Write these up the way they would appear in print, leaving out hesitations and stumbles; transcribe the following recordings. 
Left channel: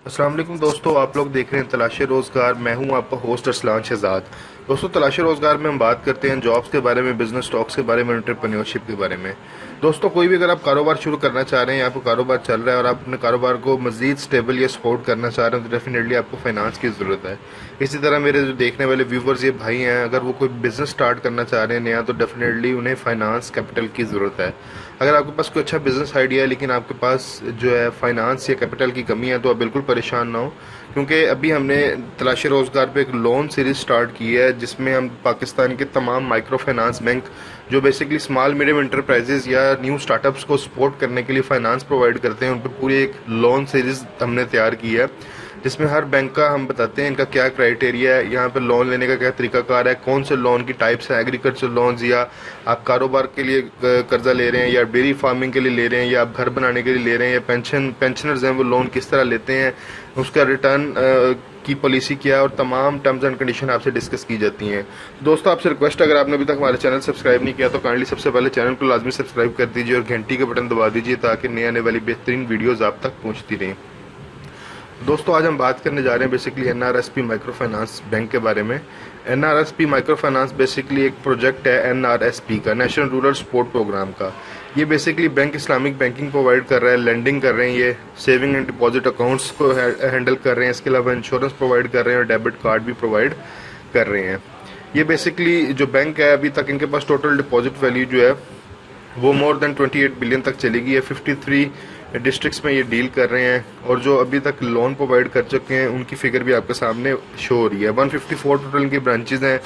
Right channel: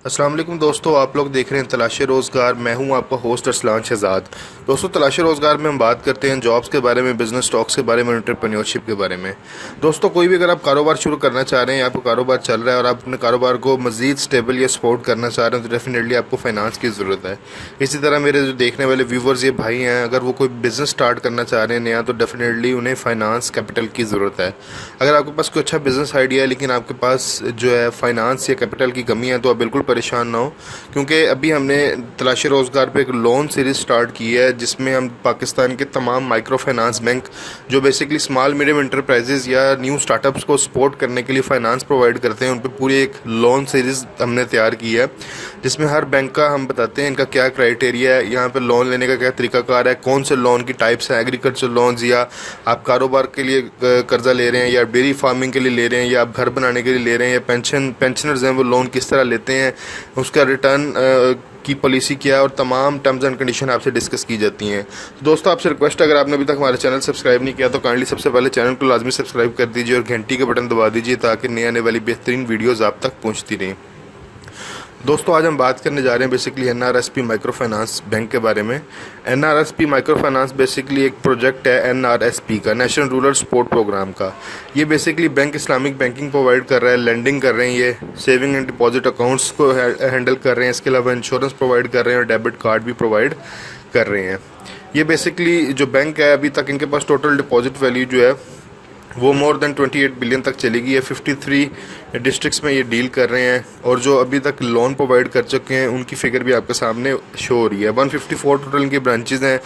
अस्सलाम वालेकुम दोस्तों, आप लोग देख रहे हैं तलाश रोज़गार। मैं हूं आपका होस्ट अरसलान शहजाद। दोस्तों, तलाश रोज़गार में हम बात करते हैं जॉब्स के बारे में, बिजनेस स्टॉक्स के बारे में, एंटरप्रेन्योरशिप के बारे में। दोस्तों, कोई भी अगर आप कारोबार शुरू करना चाह रहे हैं, आपका कारोबार चल रहा है और आप अपने कारोबार को मज़ीद स्टेबल या सपोर्ट करना चाह रहे हैं, तो डेफिनेटली आपको फाइनेंस की ज़रूरत है। इसी तरह मेरे जो देखने वाले व्यूवर्स ये भाई हैं, अगर वो कोई बिज़नेस स्टार्ट करना चाह रहे हैं नया, तो डेफिनेटली उन्हें फाइनेंस कैपिटल की ज़रूरत है। अगर आपके पास कोई अच्छा बिज़नेस आइडिया है लेकिन आपके पास जो है फाइनेंस या कैपिटल की कमी है, तो आप बिल्कुल परेशान ना हो, क्योंकि अभी हमने तलाश रोज़गार पे एक लोन सीरीज़ स्टार्ट की है जिसमें हम पाकिस्तान के तमाम माइक्रो फाइनेंस बैंक जो बेसिकली स्मॉल मीडियम इंटरप्राइजेज़ या न्यू स्टार्टअप्स को सपोर्ट करने के लिए फ़ाइनेंस प्रोवाइड करते हैं, उन पर पूरी एक लोन सीरीज़ हमने तैयार की है, जिसमें हर बैंक का हम बताते हैं इनका क्या क्राइटेरिया है, यहाँ पे लोन लेने का क्या तरीकाकार है, कौन से लोन की टाइप्स हैं, एग्रीकल्चर लोन्स या आप कारोबार के लिए कर्जा ले रहे हैं, या डेयरी फार्मिंग के लिए ले रहे हैं, या आप घर बनाने के लिए ले रहे हैं, या पेंशनर्स हैं वो लोन किस तरह लेते हैं, उसका रिटर्न की पॉलिसी क्या है, और तमाम टर्म्स एंड कंडीशन आपसे डिस्कस की जाती हैं। तो दोस्तों, आपसे रिक्वेस्ट, अगर आपने अभी तक हमारे चैनल सब्सक्राइब नहीं किया तो काइंडली सबसे पहले चैनल को लाजमी सब्सक्राइब कर दीजिए और घंटी का बटन दबा दीजिए ताकि नए आने वाली बेहतरीन वीडियोज़ आप तक पहुँचती रहें। दोस्तों, आज हम बात करने जा रहे हैं बेसिकली एनआरएसपी माइक्रो फाइनेंस बैंक के बारे में। एनआरएसपी माइक्रो फाइनेंस बेसिकली एक प्रोजेक्ट है एनआरएसपी का, नेशनल रूरल सपोर्ट प्रोग्राम का। ये basically bank Islamic banking provide कर रहा है, लेंडिंग कर रहे हैं, ये सेविंग एंड डिपॉजिट अकाउंट्स को हैंडल कर रहे हैं, इसके अलावा इंश्योरेंस प्रोवाइड कर रहे हैं और डेबिट कार्ड भी प्रोवाइड कर रहे हैं। ये बेसिकली जो बैंक है, अभी तक इनके पास टोटल डिपॉजिट वैल्यू जो है वो मोर देन 28 बिलियन तक चली गई है। 53 डिस्ट्रिक्ट्स में ये डील कर रहे हैं और जो अभी तक लोन प्रोवाइड कर चुके हैं उनकी फिगर भी आपके सामने शो हो रही है। 154 टोटल इनके ब्रांचेज हैं,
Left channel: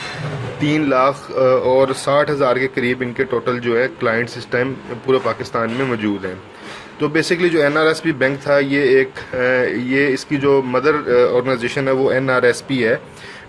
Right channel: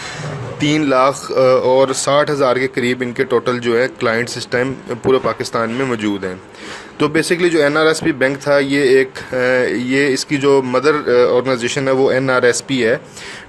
3 लाख और 60,000 के करीब इनके टोटल जो है क्लाइंट्स इस टाइम पूरे पाकिस्तान में मौजूद हैं। तो बेसिकली जो एनआरएसपी बैंक था, ये इसकी जो मदर ऑर्गेनाइजेशन है वो एनआरएसपी है,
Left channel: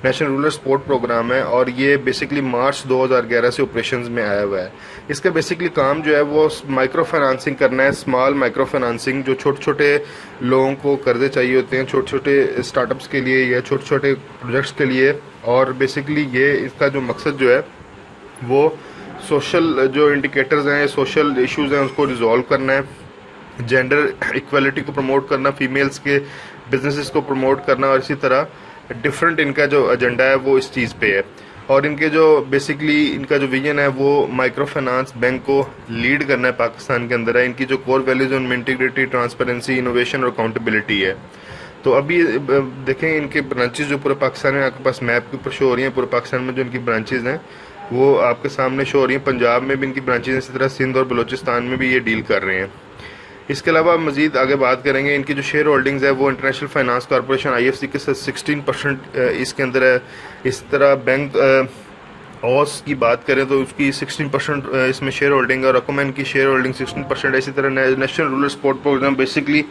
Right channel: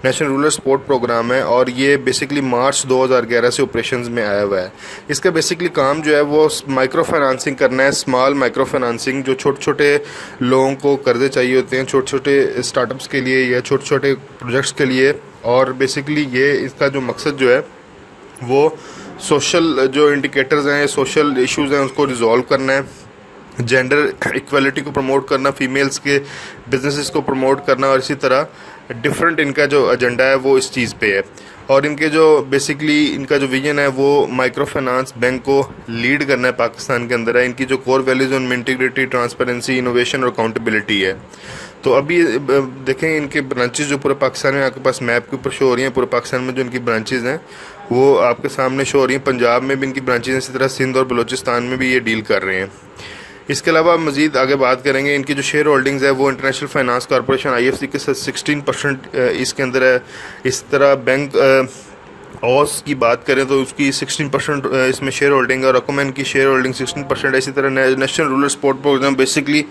नेशनल रूरल सपोर्ट प्रोग्राम है, और ये बेसिकली मार्च 2011 से ऑपरेशंस में आया हुआ है। इसका बेसिकली काम जो है वो माइक्रो फाइनेंसिंग करना है, स्मॉल माइक्रो फाइनेंसिंग, जो छोटे छोटे लोगों को कर्जे चाहिए होते हैं, छोटे छोटे स्टार्टअप्स के लिए या छोटे छोटे प्रोजेक्ट्स के लिए। और बेसिकली ये इसका जो मकसद जो है वो सोशल जो इंडिकेटर्स हैं, सोशल इश्यूज़ हैं, उसको रिजॉल्व करना है, जेंडर इक्वलिटी को प्रमोट करना, फीमेल्स के बिजनेसेस को प्रमोट करना, और इसी तरह डिफरेंट इनका जो एजेंडा है वो इस चीज़ पे है। और इनके जो बेसिकली इनका जो विजन है वो माइक्रो फाइनेंस बैंक को लीड करना है पाकिस्तान के अंदर है। इनकी जो कोर वैल्यूज़ उनमें इंटीग्रिटी, ट्रांसपेरेंसी, इनोवेशन और अकाउंटेबिलिटी है। तो अभी देखें इनके ब्रांचेज जो पूरे पाकिस्तान में आपके पास मैप के ऊपर शो हो रही हैं, पूरे पाकिस्तान में जो इनकी ब्रांचेज हैं वो आपके सामने शो हो रही हैं। पंजाब में भी इनकी ब्रांचेज हैं, इसी तरह सिंध और बलूचिस्तान में भी ये डील कर रहे हैं। इसके अलावा मज़ीद आगे बात करेंगे, इनकी जो शेयर होल्डिंग्स है वो इंटरनेशनल फाइनेंस कॉरपोरेशन IFC के साथ 16% इसके अंदर है। इस तरह बैंक ओस की बात करें तो उसकी 16% इसमें शेयर होल्डिंग है, और अकोमैन की शेयर होल्डिंग 16% है। इसी तरह national rural support programme basically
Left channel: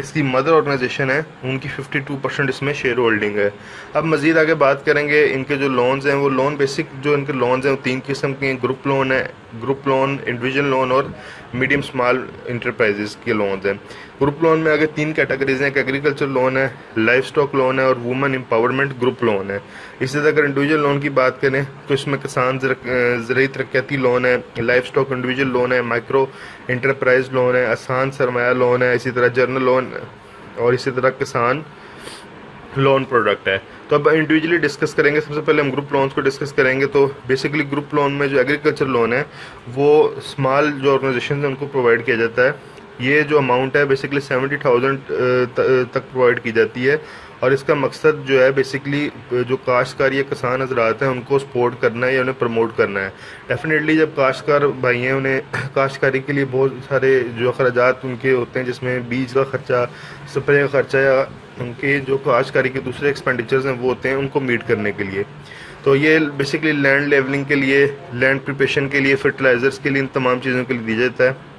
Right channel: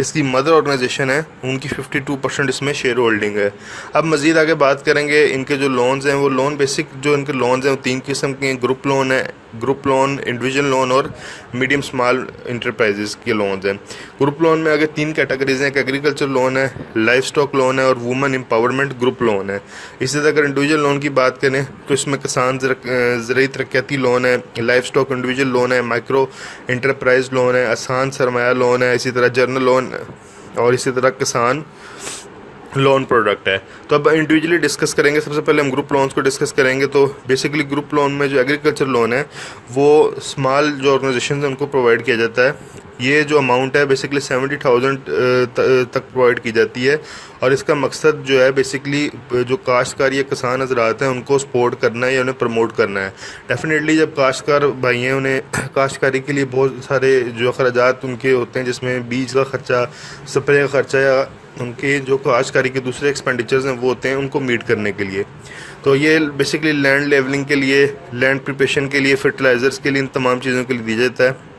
इसकी मदर ऑर्गेनाइजेशन है, उनकी 52% इसमें शेयर होल्डिंग है। अब मज़ीद आगे बात करेंगे, इनके जो लोन्स हैं वो लोन बेसिक जो इनके लोन्स हैं वो 3 किस्म के हैं। ग्रुप लोन है, ग्रुप लोन, इंडिविजुअल लोन और मीडियम स्मॉल इंटरप्राइजेज़ के लोन्स हैं। ग्रुप लोन में अगर 3 कैटेगरीज हैं, एक एग्रीकल्चर लोन है, लाइफ स्टॉक लोन है और वुमेन एम्पावरमेंट ग्रुप लोन है। इसी तरह अगर इंडिविजुअल लोन की बात करें तो इसमें किसान ज़रूरी तरक्याती लोन है, लाइफ स्टॉक इंडिविजुअल लोन है, माइक्रो इंटरप्राइज लोन है, आसान सरमाया लोन है, इसी तरह जर्नल लोन और इसी तरह किसान लोन प्रोडक्ट है। तो अब इंडिविजुअली डिस्कस करेंगे। सबसे पहले हम ग्रुप लोन्स को डिस्कस करेंगे। तो बेसिकली ग्रुप लोन में जो एग्रीकल्चर लोन है वो स्मॉल जो ऑर्गेनाइजेशन है उनको प्रोवाइड किया जाता है। ये जो अमाउंट है बेसिकली 70,000 तक प्रोवाइड की जाती है, और इसका मकसद जो है बेसिकली जो काश्तकार या किसान हजरात हैं उनको सपोर्ट करना है या उन्हें प्रमोट करना है। डेफिनेटली जब काश्तकार भाई हैं उन्हें काश्तकारी के लिए बहुत सारे जो अखराजात उनके होते हैं, जिसमें बीज का खर्चा, स्प्रे का खर्चा या उनके जो काश्तकारी के दूसरे एक्सपेंडिचर्स हैं वो होते हैं, उनको मीट करने के लिए। तो ये बेसिकली लैंड लेवलिंग के लिए, लैंड प्रिपरेशन के लिए, फर्टिलाइज़र्स के लिए, इन तमाम चीज़ों के लिए दिया जाता है।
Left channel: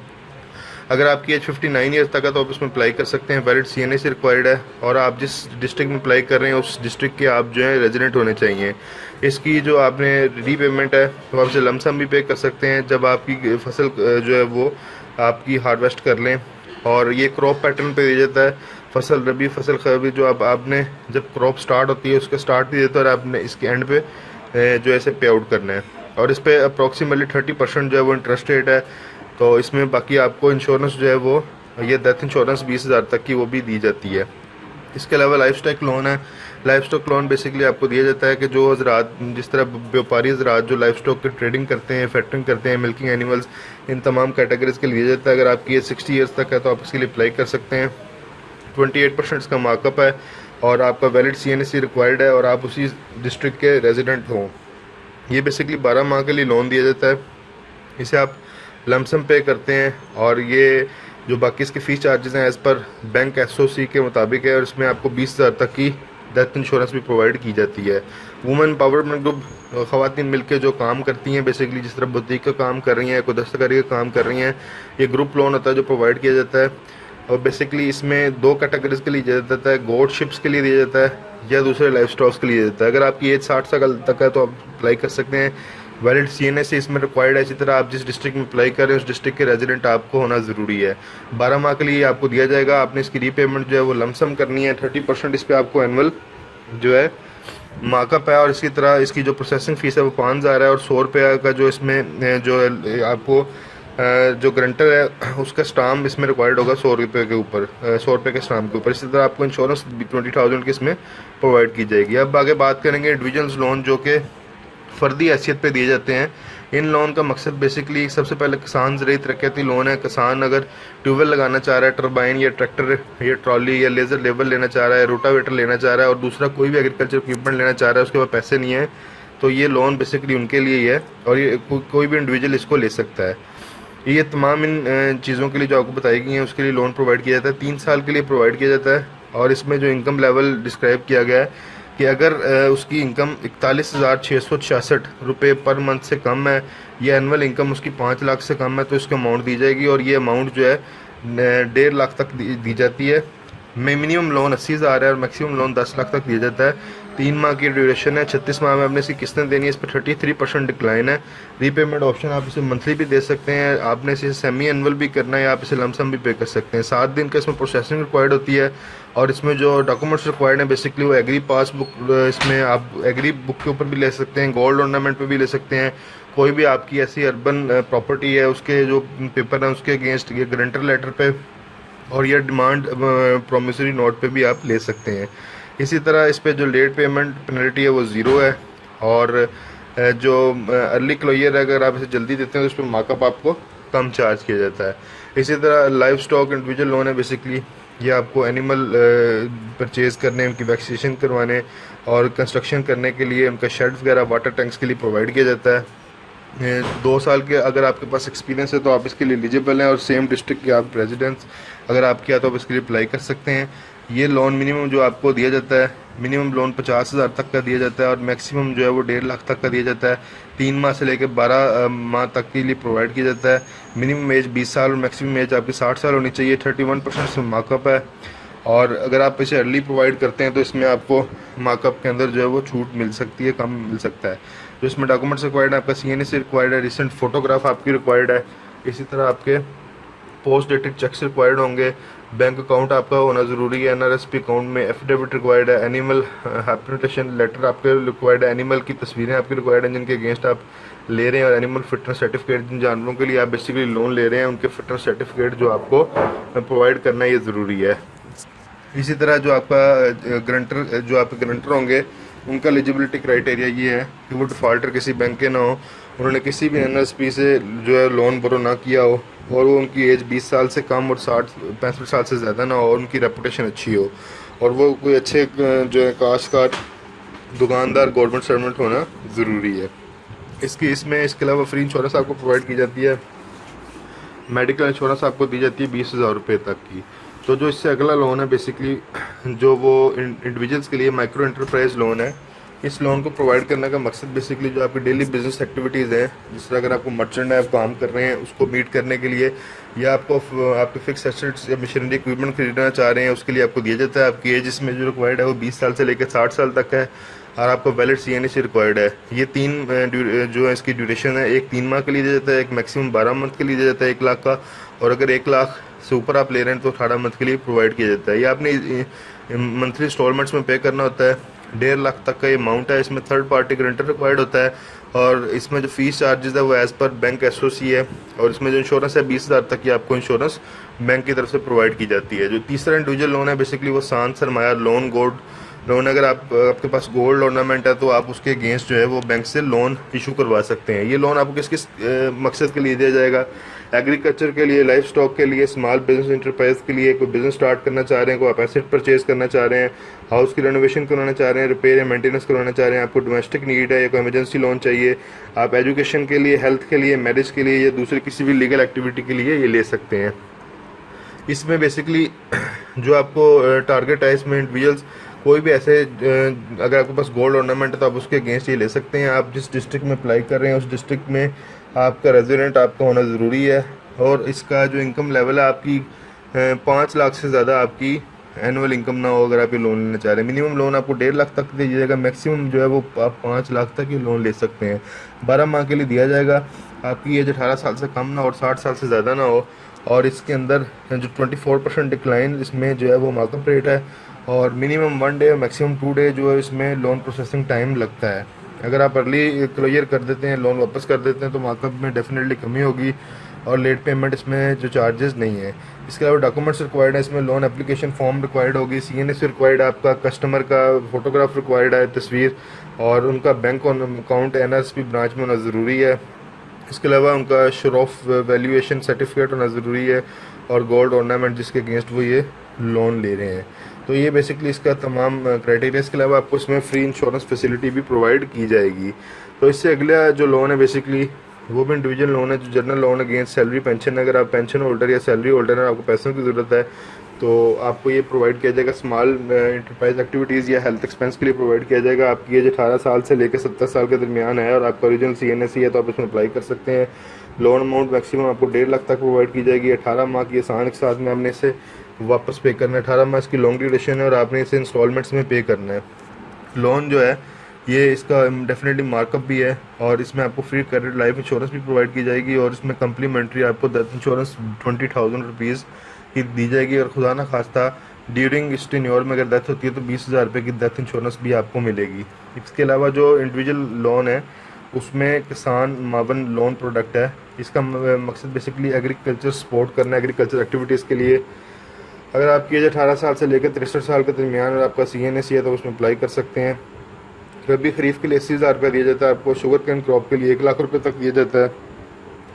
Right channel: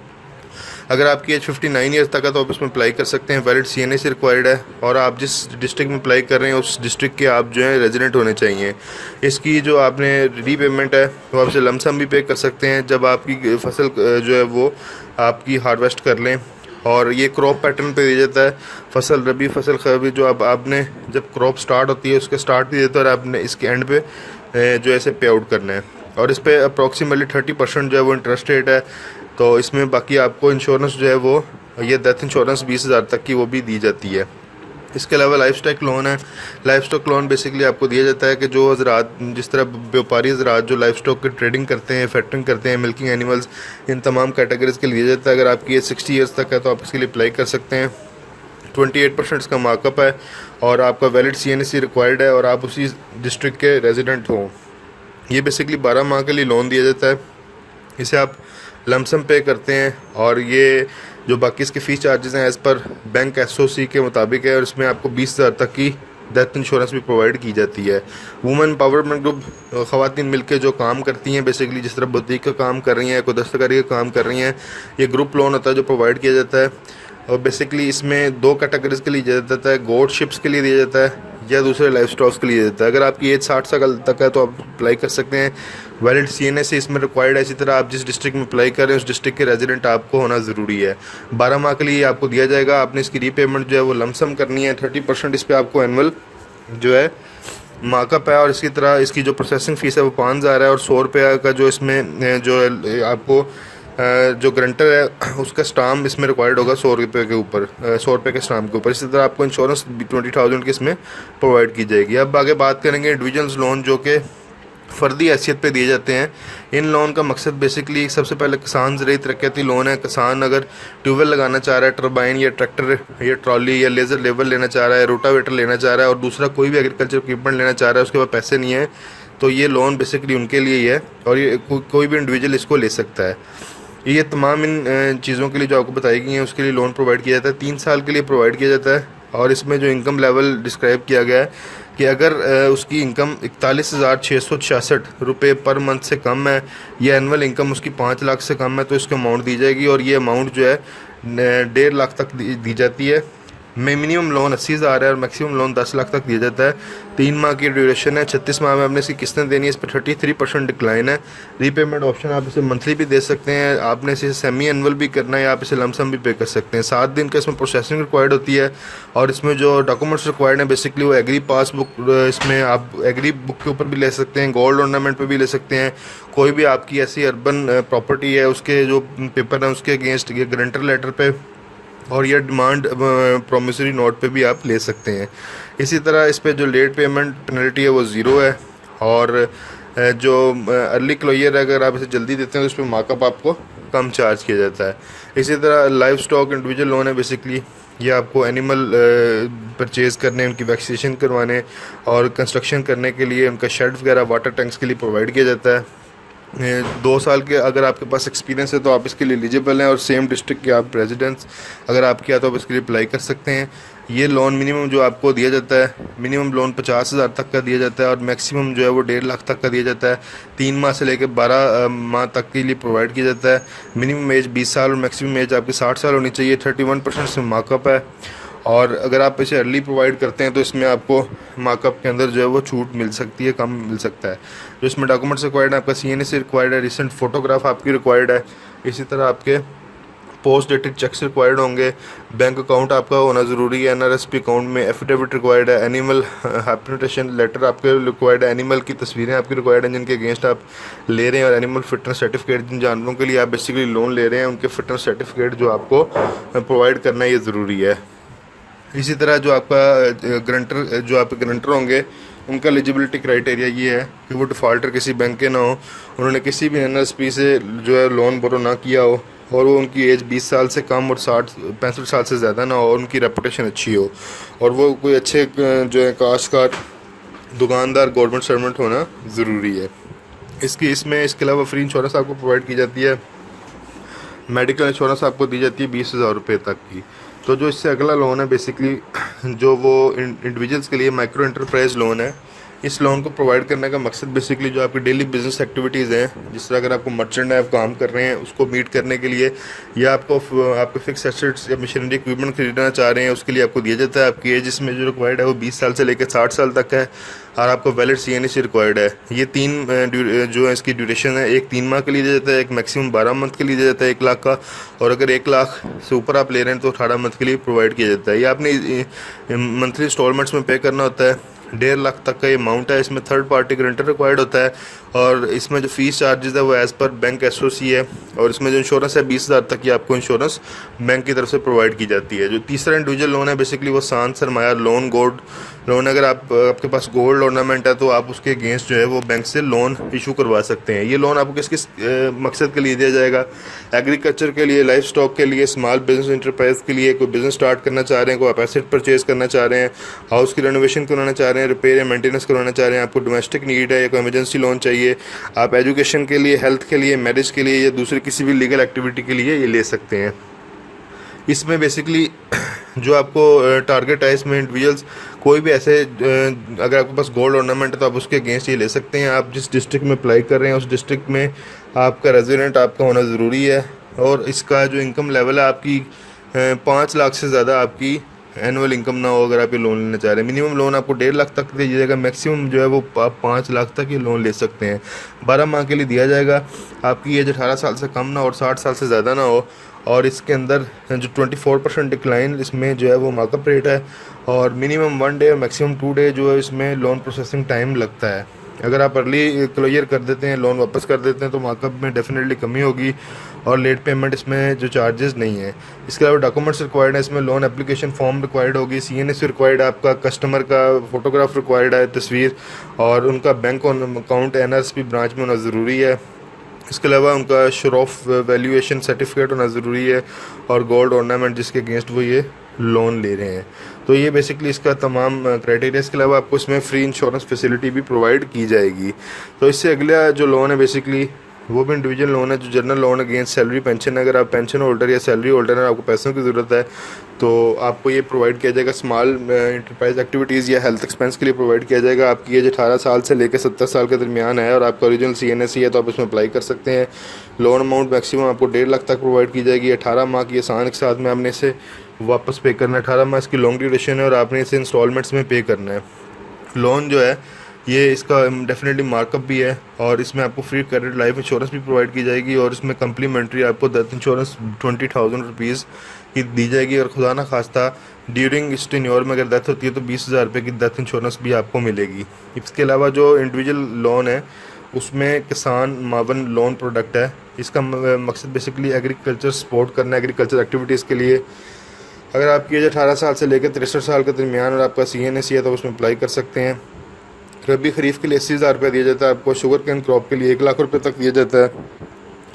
अगर आपकी एज 59 ईयर्स तक है तो आप इसमें अप्लाई कर सकते हैं। वैलिड CNA से रिक्वायर्ड है, और आप जिस डिस्ट्रिक्ट में अप्लाई कर रहे हैं उस डिस्ट्रिक्ट के आप जो है रेजिडेंट होने चाहिए। इसकी जो आपने रीपेमेंट है वो आपसे लमसम भी पे कर सकते हैं जब आपकी फसल जो है वो आपकी हार्वेस्ट कर लें। और ये क्रॉप पैटर्न पे दिया जाता है, फसल रबी, फसल खरीफ, जो अब आपने जब क्रॉप स्टार्ट होती है उसके स्टार्ट भी देता है और आपने इसके एंड पे जो ऐसे पे आउट करना है। और इस पर अप्रॉक्सीमेटली 30% जो है वो इंटरेस्ट रेट है। तो इसमें बाकी आपको इंश्योरेंस जो है वो, ये डेथ इंश्योरेंस 20,000 तक की वो भी दी जाती है। इसके अलावा लाइफ स्टॉक लोन है। लाइफ स्टॉक लोन बेसिकली आपको दिया जाता है कि जो हजरात, जिस तरह व्यापारी हजरात जो लाइफ स्टॉक की ट्रेडिंग करते हैं, फैक्टरिंग करते हैं, मिल्किंग एनिमल्स, इन तमाम कैटेगरीज के लिए दिया जाता है। अगर आपकी एज 60 ईयर्स तक है तो आप इसके लिए अप्लाई कर सकते हैं। 28% इसका मार्कअप है और आपका वैलिड CNSE रिक्वायर्ड है और आप उसी डिस्ट्रिक्ट के रेजिडेंट हो। ये बेसिकली 12 माह के लिए लोन दिया जाता है। इसे आप लमसम पे करते हैं और ये जो बाकी इसके फ़ीस चार्जेस हैं एज़ पर बैंक SOC के मुताबिक है और इसमें आपको 20,000 तक की डेथ इंश्योरेंस भी प्रोवाइड की जाती है। वुमेन एम्पावरमेंट ग्रुप ख़वातीन मिलकर जो काम करती हैं, बेसिकली जिस तरह बुटीक का काम कर रही हैं, कोई दस्तकारी का काम कर रही हैं, ये ग्रुप लोन होता है जो प्रोवाइड किया जाता है। और बेसिकली इसमें 2 कैटेगरीज के लिए दिया जाता है, गोट शिप्स के लिए दिया जाता है या दूसरे लाइफ स्टॉक्स के लिए दिया जाता है। अगर आपकी एज 60 साल तक है तो आप अप्लाई कर सकते हैं। वैलिड CNSE इसमें रिक्वायर्ड है। इसी तरह आप जिस डिस्ट्रिक्ट में अप्लाई कर रहे हैं उस डिस्ट्रिक्ट के रेजिडेंट आपको होना ज़रूरी है। 12 माह के लिए आपको दिया जाएगा। आपने इसकी रीपेमेंट जो है वो लमसम करनी है। 30% इस पर आपको एनुअल जो है मार्कअप है और इसकी तरह इसकी जो प्रोसेसिंग फ़ीस है वो 5,000 है और 100 रुपये का जो इसमें जो आपको जो गारंटर है उसका स्टाम्प इसमें रिक्वायर्ड होगा 100 रुपये के ऊपर, 100 रुपये के स्टाम्प के ऊपर। इसी तरह आपको इंश्योरेंस 20,000 की इसमें प्रोवाइड की जाएगी। अब आगे बात करेंगे इंडिविजुअल्स लोन जो कि फ़र्दी हैसियत पे दिए जाते हैं। इन लोन का मकसद बेसिकली सबसे पहले किसान ज़रिए तरक्याती लोन है। किसान अगर ट्यूबवेल लगाना चाह रहा है, टरबाइन या ट्रैक्टर या ट्रॉली या लेज़र लेवल लेना चाह रहा है, रोटावेटर लेना चाह रहा है और दूसरा कोई भी एग्रीकल्चर इक्विपमेंट लेना चाह रहा है, उसके पास पैसे नहीं है, तो ये लोन बेसिकली उनके लिए ही है और ये कोई भी इंडिविजुअल इसको ले सकता है। ये तमाम इन चीज़ों के लिए जो आपको बताई गई हैं उसके लिए लोन प्रोवाइड किया जाता है। 3 साल के लिए प्रोवाइड किया जाता है और इसमें जो इनकम लेवल डिस्क्राइब किया गया है कि अगर उसकी इनकम 41,666 रुपये पर मंथ से कम है या एनुअल इनकम उसकी 5 लाख से कम है तो इसको अमाउंट दी जाएगी और ये अमाउंट जो है 1.5 लाख तक दी जाती है। मिनिमम लोन 80,000 है और मैक्सिमम लोन 10 लाख तक दिया जाता है। 3 माह की ड्यूरेशन है। 36 माह में आपने इसकी किस्तें देनी है। इस पर 33% डिक्लाइन है। रीपेमेंट ऑप्शन आप इसे मंथली भी दे सकते हैं, आपने इसे सेमी एनुअल भी करना है, आप इसे लमसम भी पे कर सकते हैं। 7 दिन का इसमें प्रोसेसिंग रिक्वायर्ड होती है और इसमें जो डॉक्यूमेंट्स रिक्वायर्ड हैं बेसिकली वो एग्री पासबुक, इसमें आप एग्री बुक के ऊपर भी ले सकते हैं, गोल्ड ऑर्नामेंट पे भी ले सकते हैं। कोई भी आपकी ऐसी अर्बन प्रॉपर्टी है उसके जो पेपर हैं उसके अगेंस्ट ये गारंटर लेटर पे और ये डिमांड प्रोमिसरी नोट पे भी आप ले सकते हैं। इसी तरह इस पे जो लेट पेमेंट पेनल्टी है वो 0 है और जो अर्ली क्लोजर है अगर आप इसे जल्दी देते हैं तो उस पर मार्कअप आपको कम चार्ज किया जाता है। इसी तरह लाइफ स्टॉक इंडिविजुअल लोन है। बेसिकली ये आपको एनिमल परचेज़ करने, उनकी वैक्सीनेशन करवाने और कंस्ट्रक्शन करने के लिए उनका शेड वगैरह, वाटर टैंक्स के लिए प्रोवाइड किया जाता है। 2 साल के अगर आपके पास एक्सपीरियंस है तो आप इसके लिए एलिजिबल हैं और सेम डिस्ट्रिक्ट के आप रेजिडेंट्स अगर आपके यहाँ तो आप इसके लिए अप्लाई कर सकते हैं। ये लोन मिनिमम जो आपको दिया जाता है, मिनिमम लोन 50,000 तक का दिया जाता है और मैक्सिमम जो है वो 1.5 लाख तक का दिया जाता है। 3 माह से लेकर 12 माह तक के लिए प्रोवाइड किया जाता है। मिनिमम एज 20 साल और मैक्सिमम एज आपकी 60 साल होनी चाहिए। 31% से मार्कअप है और अगर आप इसे अर्ली प्रोवाइड करते हैं तो इसमें आपको मार्कअप के अंदर जो है वो छूट मिल सकती है, कम मिल सकता है। जो इसमें डॉक्यूमेंट्स रिक्वायर्ड है, आपका CNSE रिक्वायर्ड है, रिसेंट फोटोग्राफ आपकी रिक्वायर्ड है। इसी तरह आपके पोस्ट डेटेड चेक्स रिक्वायर्ड होंगे। बैंक अकाउंट आपका होना ज़रूरी है। NRSP अकाउंट में एफिडेविट रिक्वायर्ड है। एनिमल हैबिटेशन लेटर आपके रिक्वायर्ड है। एनिमल की तस्वीरें आपकी रिक्वायर्ड हैं जिनके अगेंस्ट आप ले रहे हैं और एनिमल फिटनेस सर्टिफिकेट जिन जानवरों के लिए आप बेसिकली लोन ले रहे हैं उनके फिटनेस सर्टिफिकेट जो आपको प्रोवाइड करना ये ज़रूरी है। इसी तरह जो आपका गारंटर होंगे उनका एलिजिबिलिटी क्राइटेरिया ये है कि वो डिफ़ॉल्टर किसी बैंक के ना हो, उन्होंने किसी भी NRSP से जो है लोन बोरो ना किया हो और वो उनकी एज 20 साल से कम और 65 साल से ज़्यादा ना हो और उनकी रेपुटेशन अच्छी हो और वो कोई अच्छे जो है काश्तकार, दुकानदार, गवर्नमेंट सर्वेंट होना ज़रूरी है। इसके अलावा फ्री इंश्योरेंस आपको प्रोवाइड की जाती है। मेडिकल इंश्योरेंस आपको दी जाती है 20,000 रुपये तक की। तो जो इससे अगला लोन है बेसिकली जो वो इंडिविजुअल्स के लिए माइक्रो एंटरप्राइज लोन है। इस लोन को प्रोवाइड करने का मकसद बेसिकली जो आपकी डेली बिजनेस एक्टिविटीज़ हैं, जिस तरह अगर आपको मर्चेंट है, आप काम कर रहे हैं, उसको मीट करने के लिए या आपके फिक्स एसेट्स या मशीनरी इक्विपमेंट खरीदना चाह रहे हैं उसके लिए आपको दिया जाता है। आपकी एज इसमें जो रिक्वायर्ड है वो 20 साल से लेकर 60 साल तक है और आपको वैलिड CNSE रिक्वायर्ड है। ये 3 जो है इसकी ड्यूरेशन है, एक 3 माह के लिए दिया जाता है, एक मैक्सिमम 12 मंथ के लिए दिया जाता है 1 लाख का और अगर 1 लाख से ऊपर आप ले रहे हैं तो 18 मंथ के लिए प्रोवाइड किया जाता है। ये आपने मंथली इंस्टॉलमेंट्स में पे करना होता है। 1.5 लाख तक का ये अमाउंट है। इसमें थर्ड पार्टी गारंटर रिक्वायर्ड होता है और इसमें जो फीस चार्जेस है वो एज़ पर बैंक एसओसी है। और इसमें जो इंश्योरेंस है 20,000 तक की आपको इंश्योरेंस बैंक की तरफ से प्रोवाइड की जाती है। जो तीसरा इंडिविजुअल लोन है बेसिकली वो शांत सरमाया लोन, गोल्ड लोन। अगर आपके पास गोल्ड ऑर्नामेंट है तो आप उसके अगेंस्ट जो है वो बैंक से लोन इशू करवा सकते हैं। ये लोन आपको किस किस मकसद के लिए दिया जाएगा? एग्रीकल्चर के लिए, लाइफ स्टॉक के लिए, स्मॉल बिजनेस इंटरप्राइज के लिए, कोई बिजनेस स्टार्ट करना चाह रहे हैं, कोई आप एसेट परचेज करना चाह रहे हैं, हाउस की रेनोवेशन कराना चाह रहे हैं, रिपेयर या मेंटेनेंस करवाना चाह रहे हैं, आपको डोमेस्टिक नीड है या कोई इमरजेंसी लोन चाहिए, आप एजुकेशन के लिए, हेल्थ के लिए, मैरिज के लिए या दूसरी किसी भी लीगल एक्टिविटी के लिए ये ले सकते हैं। इसमें बेसिकली जो आपको टारगेट है इसमें इंडिविजुअल्स कोई भी ऐसे अगर आपके पास गोल्ड ऑर्नामेंट है तो आप उसके अगेंस्ट ये ले सकते हैं। आप जिस डिस्ट्रिक्ट में अप्लाई कर रहे हैं उस डिस्ट्रिक्ट में आपका रेजिडेंट आपका होना ज़रूरी है। और इसका जो इनकम लेवल है आपकी 5 लाख से ज़्यादा आपकी एनुअल इनकम ना हो अगर आप ये लोन लेना चाह रहे हैं। मिनिमम लोन आपको 1.5 लाख तक दिया जाएगा, मैक्सिमम जो है वो आप 5 लाख तक ये लोन ले सकते हैं। 12 माह के लिए दिया जाएगा। आपकी एज 18 साल से कम ना और 60 साल से ज़्यादा ना हो। और इसके अंदर जो 24% डिक्लाइन इसमें जो है वो मार्कअप रेट है। और मिनिमम 1 डे और मैक्सिमम 2 डे जो है इसमें लोन प्रोसेसिंग टाइम लगता है। अगर आप अर्ली क्लोजर कर देते हैं, लोन वापस कर देते हैं तो मार्कअप में डेफिनेटली कमी होगी और लेट पेमेंट इसमें जो चार्जेस नहीं है। इसके अलावा डॉक्यूमेंट्स रिक्वायर्ड है इसमें, लोन एप्लीकेशन फॉर्म रिक्वायर्ड होगी, CNS रिक्वायर्ड है, आपका कस्टमर का फोटोग्राफ रिक्वायर्ड है, तस्वीर, और उनका बैंक अकाउंट NRSP ब्रांच में होना ज़रूरी है। इसके अलावा उनका श्योर ऑफ वैल्यूएशन सर्टिफिकेट होना ज़रूरी है और गोल्ड ऑर्नामेंट जिसके अगेंस्ट वो ये लोन ले रहे हैं। तो ये बेसिकली इसका तमाम क्राइटेरिया। इसके अलावा आपको इसमें फ्री इंश्योरेंस फैसिलिटी भी प्रोवाइड की जाएगी। तो इससे अगला जो लोन है बेसिकली वो भी इंडिविजुअल लोन है, जो general loan against salary pension. अगर आप पेंशन होल्डर या सैलरी होल्डर हैं, आपको पैसों की ज़रूरत है तो आपको ये प्रोवाइड किया जाएगा। स्मॉल इंटरप्राइज एक्टिविटीज़ या हेल्थ एक्सपेंस के लिए प्रोवाइड किया जाएगा। आपकी एज 18 साल से लेकर 70 साल के दरमियान है और आपका ओरिजिनल CNS है तो आप इसमें अप्लाई कर सकते हैं। लोन अमाउंट मैक्सिमम आपको 1.5 लाख तक प्रोवाइड की जाएगी। 18 माह की आसान के साथ में आपने इसे वापस पे करना है। 18 माह इसकी लॉन्ग ड्यूरेशन है और आपने इसे इंस्टॉलमेंट्स में पे करना है। लोन जो है ये इसका डेफिनेटली मार्कअप भी है और इसमें आपको फ्री क्रेडिट लाइफ इंश्योरेंस भी प्रोवाइड की जाएगी और इसमें कम्प्लीमेंट्री आपको डेथ इंश्योरेंस 20,000 रुपीज़ की दी जाएगी। और खुदा ना खास्ता ड्यूरिंग इस टेन्योर में अगर डेथ होती है तो 20,000 रुपये की डेथ इंश्योरेंस भी आपको मिलेगी। इसके अलावा जो इंडिविजुअल लोन है उसमें किसान मावन लोन प्रोडक्ट है। इसका मकसद बेसिकली एग्रीकल्चर सपोर्ट करना है, एग्रीकल्चर एक्टिविटीज़ के लिए। अगर आपकी एज 18 साल से लेकर 63 साल के दरमियान और आपका CNS है तो उसमें अप्लाई कर सकते हैं। रबी खरीफ के लिए 80,000 रुपये दिया जाता है आपको। शुगर कैन क्रॉप के लिए 1 लाख रुपये तक दिया जाता है।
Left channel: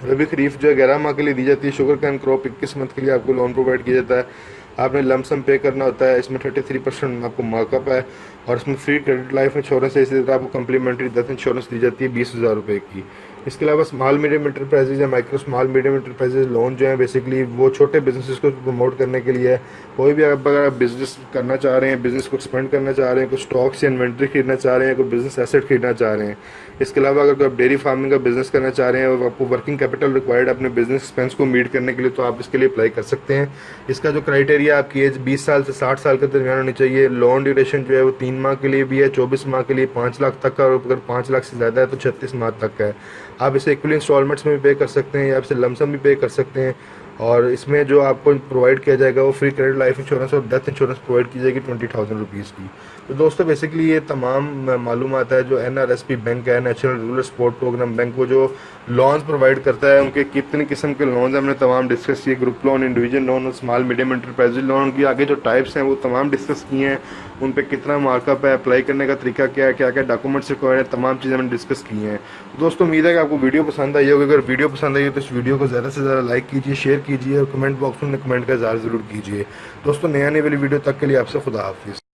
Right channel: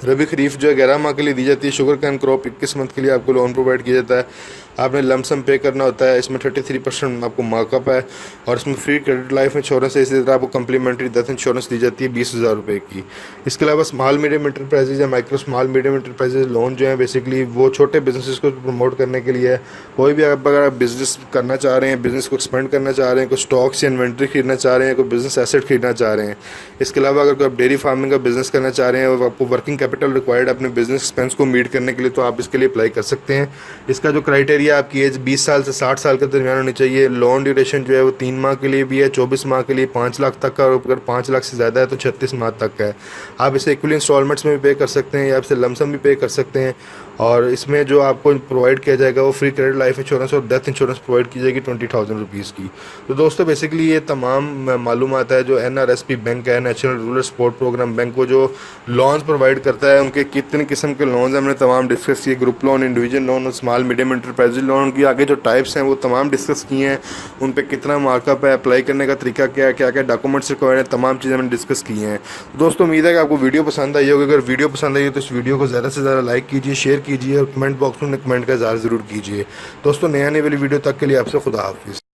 रबी खरीफ जो है 11 माह के लिए दी जाती है। शुगर कैन क्रॉप 21 मंथ के लिए आपको लोन प्रोवाइड किया जाता है। आपने लमसम पे करना होता है। इसमें 33% आपको मार्कअप है और इसमें फ्री क्रेडिट लाइफ इंश्योरेंस है। इसी तरह आपको कम्प्लीमेंट्री डेथ इंश्योरेंस दी जाती है 20,000 रुपये की। इसके अलावा स्मॉल मीडियम इंटरप्राइजेज या micro small medium enterprises loan जो है बेसिकली वो छोटे बिजनेसेस को प्रमोट करने के लिए है। कोई भी अगर आप बिजनेस करना चाह रहे हैं, बिजनेस को एक्सपेंड करना चाह रहे हैं, कोई स्टॉक्स या इन्वेंट्री खरीदना चाह रहे हैं, कोई बिजनेस एसेट खरीदना चाह रहे हैं। इसके अलावा अगर आप डेयरी फार्मिंग का बिजनेस करना चाह रहे हैं और आपको वर्किंग कैपिटल रिक्वायर्ड है अपने बिजनेस एक्सपेंस को मीट करने के लिए तो आप इसके लिए अप्लाई कर सकते हैं। इसका जो क्राइटेरिया आपकी एज 20 साल से 60 साल के दरमियान होनी चाहिए। लोन ड्यूरेशन जो है वो 3 माह के लिए भी है, 24 माह के लिए 5 लाख तक का, और अगर 5 लाख से ज़्यादा है तो 36 माह तक का है। आप इसे इक्वली इंस्टॉलमेंट्स में भी पे कर सकते हैं या आपसे लमसम भी पे कर सकते हैं। और इसमें जो आपको प्रोवाइड किया जाएगा वो फ्री क्रेडिट लाइफ इंश्योरेंस और डेथ इंश्योरेंस प्रोवाइड की जाएगी 20,000 रुपीज़ की। तो दोस्तों बेसिकली ये तमाम मालूमात है जो NRSP बैंक है, national rural support programme bank, वो जो लोन्स प्रोवाइड करता है उनके कितनी किस्म के लोन्स हैं हमने तमाम डिस्कस किए। ग्रुप लोन, इंडिविजुअल लोन और स्मॉल मीडियम इंटरप्राइज लोन, उनकी आगे जो टाइप्स हैं वो तमाम डिस्कस किए हैं। उन पर कितना मार्कअप है, अप्लाई करने का तरीका क्या है, क्या क्या डॉक्यूमेंट्स रिक्वायर्ड है, तमाम चीज़ें हमने डिस्कस की हैं। दोस्तों उम्मीद है कि आपको वीडियो पसंद आई होगी। अगर वीडियो पसंद आई तो इस वीडियो को ज़्यादा से ज़्यादा लाइक कीजिए, शेयर कीजिए और कमेंट बॉक्स में कमेंट का इज़हार ज़रूर कीजिए। दोस्तों नई आने वाली वीडियो तक के लिए आपसे खुदा हाफिज़।